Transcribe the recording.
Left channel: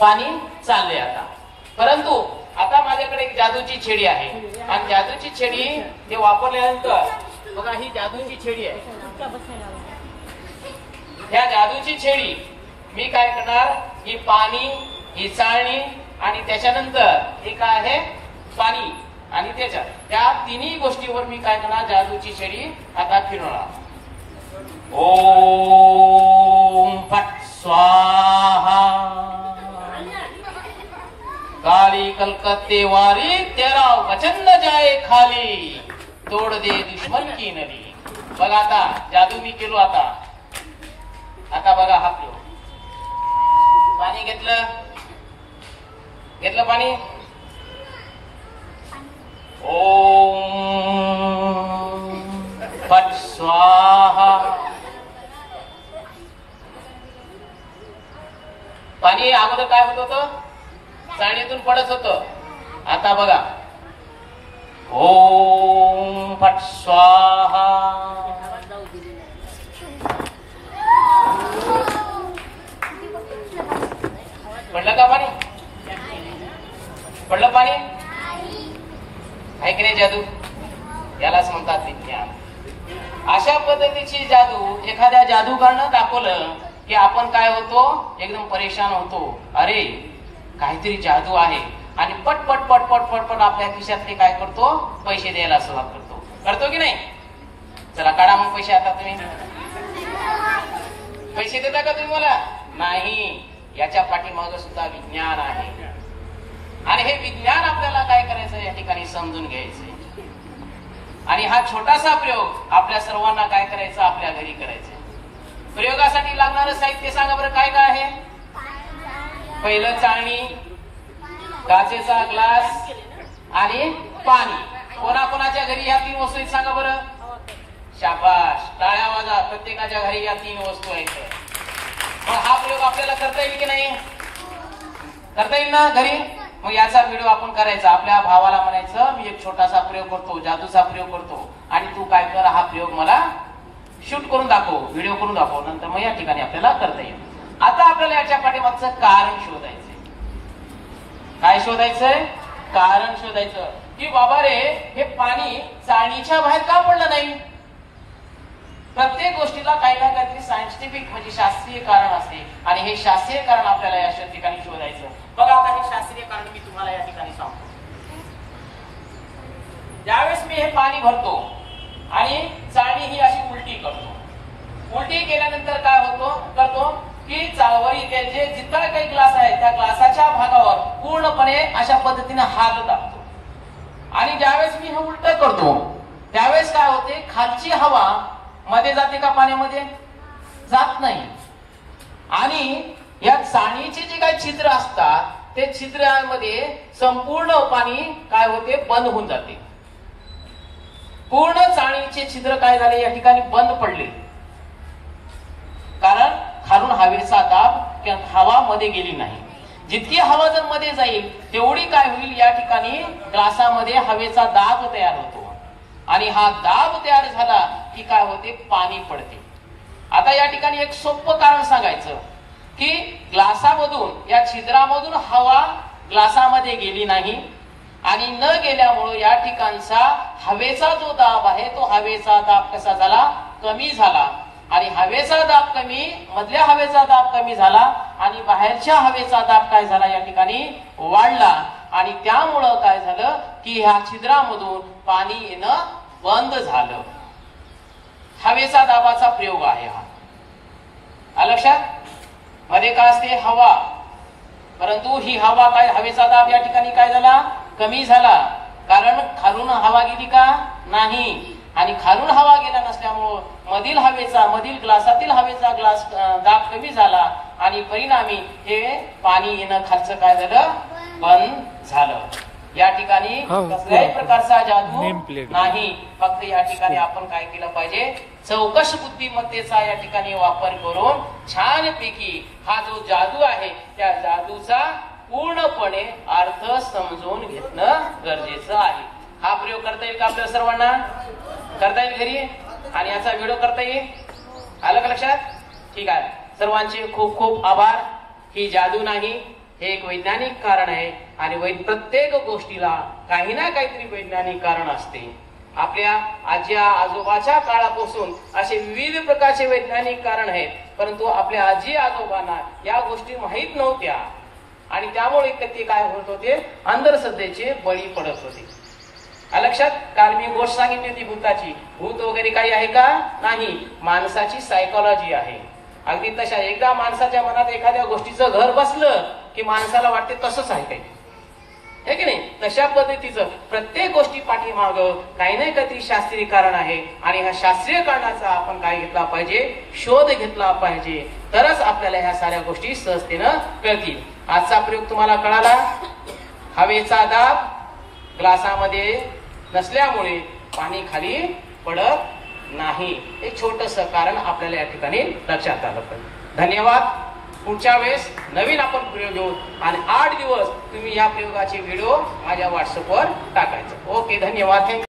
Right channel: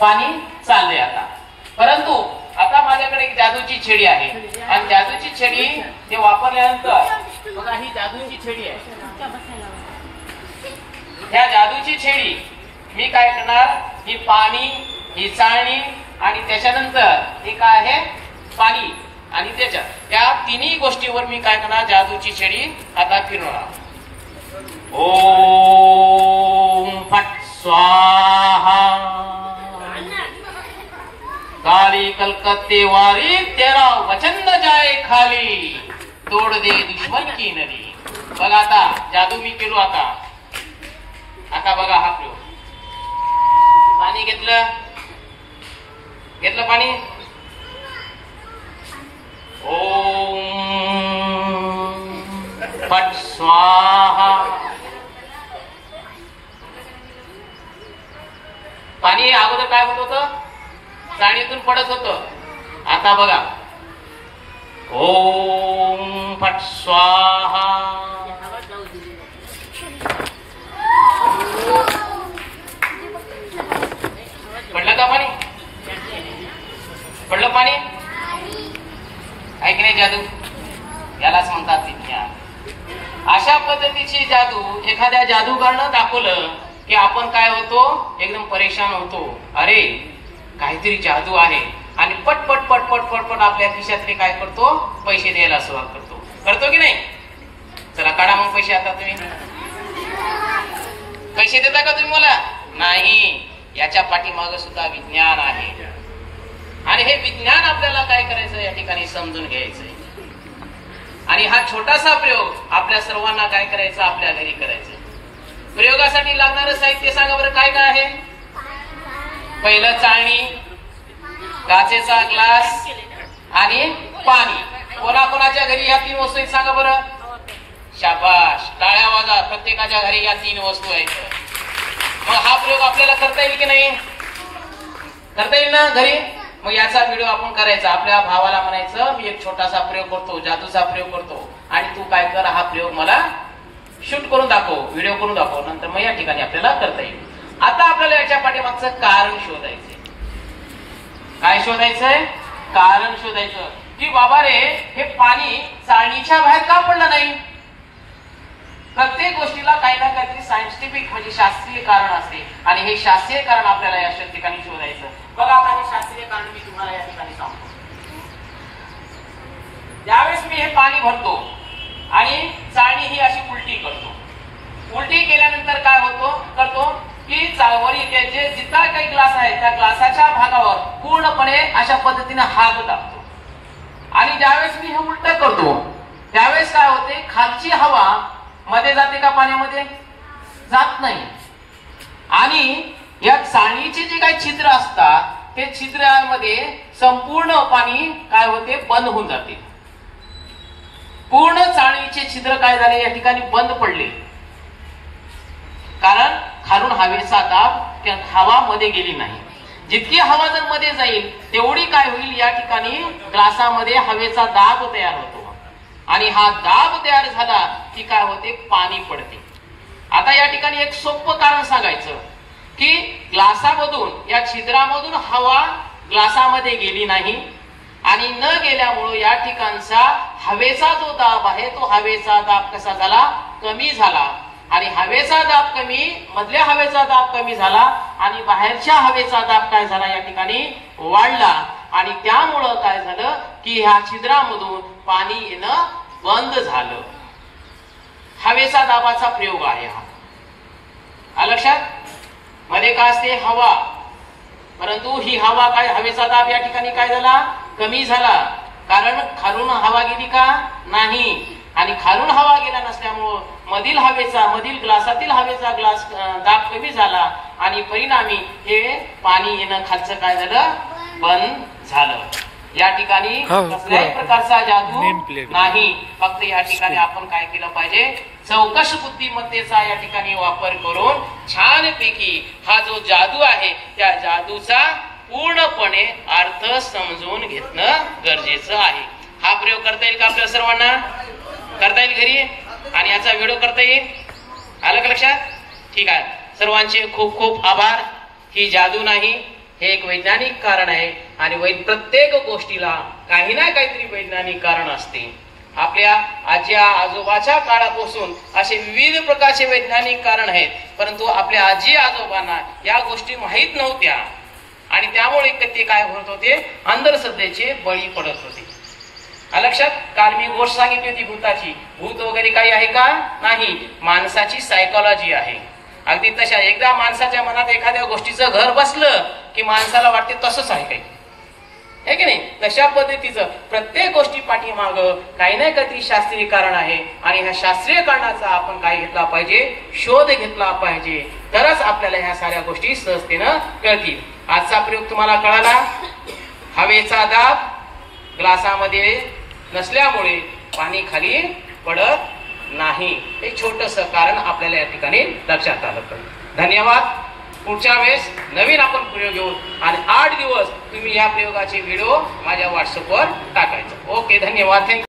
पाणी चाललंय आता. परंतु आता माझ्याकडे एक जादूची छडी आहे आणि जादूची छडी हे वापरल्यानंतर बघा ही जादूची छडी आहे. ह्या जादूची छडी मी काय करणार, ही पाणी, ही चाळणी आणि त्याच्यानंतर हे काय आहे पाणी आणि त्याच्या त्या तिन्ही गोष्टीवर मी काय करणार, जादूची छडी आता फिरवणार. ओम फट स्वाहा. काली कलकत्ते वारी तेरा वचन जाए खाली, तोड दे दुश्मन की नदी. बघा आता जादू मी केलो. आता बघा हा प्रयोग. पाणी घेतलं पाणी. ओम फट स्वाहा. पाणी अगोदर काय होत होतं, चाळणीतून पडत होतं. आता बघा ओम फट स्वाहा. पडलं का पाणी, पडलं पाणी. काय की नाही जादू, यालाच म्हणतात विज्ञान. अशा पद्धतीची जादू एखाद्या जादूगारनं दाखवलं की आपण काय होतो, एकदम परेशान होतो. अरे काहीतरी जादू आहे आणि पट पट पट पट पट पट आपल्या खिशातले काय करतो, पैसे द्यायला सुरुवात करतो की नाही. चला काढा मग पैसे. आता तुम्ही पैसे देता का तुम्ही मला? नाही. याच्या पाठीमाग सुद्धा विज्ञान आहे आणि हे विज्ञान आपल्याला काय करायचं या ठिकाणी समजून घ्यायचंय. आणि हा छोटासा प्रयोग आपल्या सर्वांना काय करायचं, आपल्या घरी करायचं. प्रयोगासाठी लागणारं साहित्य सांगा बरं, काय काय आहे. पहिलं चाळणी, काचेचा ग्लास आणि पाणी. कोणाकोणाच्या घरी या तीन वस्तू आहेत सांगा बरं. शाबाश, टाळ्या वाजा. प्रत्येकाच्या घरी या तीन वस्तू आहेत. मग हा प्रयोग आपल्याला करता येईल की नाही, करता येईल ना घरी. मग याचा व्हिडिओ आपण करायचा. आपल्या भावाला म्हणायचं मी एक छोटासा प्रयोग करतो, जादूचा प्रयोग करतो आणि तू काय कर, हा प्रयोग मला शूट करून दाखव, व्हिडिओ करून दाखव. नंतर मग या ठिकाणी आपल्याला करता येईल. आता आपल्याला याच्या पाठीमागचं कारण शोधायचंय. काय शोधायचंय, कारण शोधायचं की बाबा रे हे पाणी चाळणीच्या बाहेर का पडलं नाही. प्रत्येक गोष्टीला काही ना काहीतरी सायंटिफिक म्हणजे शास्त्रीय कारण असते आणि हे शास्त्रीय कारण आपल्याला या ठिकाणी शोधायचं. बघा आता हे शास्त्रीय कारण मी तुम्हाला या ठिकाणी सांगतो. ज्यावेळेस मी हे पाणी भरतो आणि चाळणी ही अशी उलटी करतो, उलटी केल्यानंतर काय करतो की चाळवरी जे जितका काही ग्लास आहे त्या ग्लासाच्या भागावर पूर्णपणे अशा पद्धतीने हात टाकतो आणि ज्यावेळेस मी हे उलट करतो त्यावेळेस काय होते, खालची हवा मध्ये जाते का पाण्यामध्ये, जात नाही. आणि या चाळणीचे जे काही छिद्र असतात ते छिद्रांमध्ये संपूर्ण पाणी काय होते, बंद होऊन जाते. पूर्ण चाळणीचे छिद्र काय झाले या ठिकाणी बंद पडले, कारण खालून हवेचा दाब हवा मध्ये गेली नाही. जितकी हवा जर मध्ये जाईल तेवढी काय होईल, या ठिकाणी ग्लासामध्ये हवेचा दाब तयार होतो आणि हा दाब तयार झाला की काय होते, पाणी पडते. आता या ठिकाणी एक सोपं कारण सांगायचं की ग्लासामधून या छिद्रामधून हवा ग्लासामध्ये गेली नाही आणि न गेल्यामुळे या ठिकाणचा हवेचा जो दाब आहे तो हवेचा दाब कसा झाला, कमी झाला. आणि हवेचा दाब कमी, मधल्या हवेचा दाब कमी झाला आणि बाहेरच्या हवेचा दाब काय झाला या ठिकाणी वाढला. आणि त्यामुळं काय झालं की ह्या छिद्रामधून पाणी येणं बंद झालं. हवेचा दाबाचा प्रयोग आहे हा. लक्षात, मध्ये काय असते, हवा. परंतु ही हवा काय, हवेचा दाब या ठिकाणी काय झाला, कमी झाला. कारण खालून हवा गेली का नाही, आणि खालून हवा गेला नसल्यामुळं मधील ग्लासातील हवेचा दाब कमी झाला आणि परिणामी हे पाणी येणं खालचं काय झालं, बंद झालं. या ठिकाणी कसल्याही प्रकारचा जादू नाही. फक्त या ठिकाणी आपण काय केलं पाहिजे, चौकश बुद्धिमत्तेचा या ठिकाणी वापर करून छानपैकी हा जो जादू आहे त्या जादूचा पूर्णपणे अर्थ समजून घेणं गरजेचं आहे. हा प्रयोग करता येईल का आपल्या सर्वांना, करता येईल घरी आणि याचा व्हिडिओ करता येईल. आलं का लक्षात? ठीक आहे. सर्वांचे खूप खूप आभार. ही जादू नाही, हे एक वैज्ञानिक कारण आहे आणि प्रत्येक गोष्टीला काही ना काहीतरी वैज्ञानिक कारण असते. आपल्या आजी आजोबाच्या काळापासून असे विविध प्रकारचे वैज्ञानिक कारण आहेत, परंतु आपल्या आजी आजोबांना या गोष्टी माहीत नव्हत्या आणि त्यामुळे ते काय होत होते, अंधश्रद्धेचे बळी पडत होते. लक्षात. काल मी गोष्ट सांगितली होती भूताची. भूत वगैरे काही आहे का? नाही. माणसाची सायकोलॉजी आहे. अगदी तशा एकदा माणसाच्या मनात एखाद्या गोष्टीचं घर बसलं की माणसाला वाटते तसंच आहे काही, हे की नाही. तशा पद्धतीचं प्रत्येक गोष्टी पाठीमाग काही ना काहीतरी शास्त्रीय कारण आहे आणि ह्या शास्त्रीय कारणाचा आपण काय घेतला पाहिजे, शोध घेतला पाहिजे, तरच आपल्याला ह्या साऱ्या गोष्टी सहजतेनं कळतील. आजचा प्रयोग तुम्हाला कळाला. हवेचा दाब ग्लासामध्ये नसल्यामुळे पाणी खाली पडत नाही. हे छोटस कारण आपल्याला या ठिकाणी लक्षात आलं पाहिजे. धन्यवाद. पुढच्या वेळेस नवीन आपण प्रयोग घेऊ आणि 8 दिवस तुम्ही या प्रयोगाचे व्हिडिओ माझ्या व्हॉट्सअपवर टाकायचं. ओके, धन्यवाद. थँक्यू.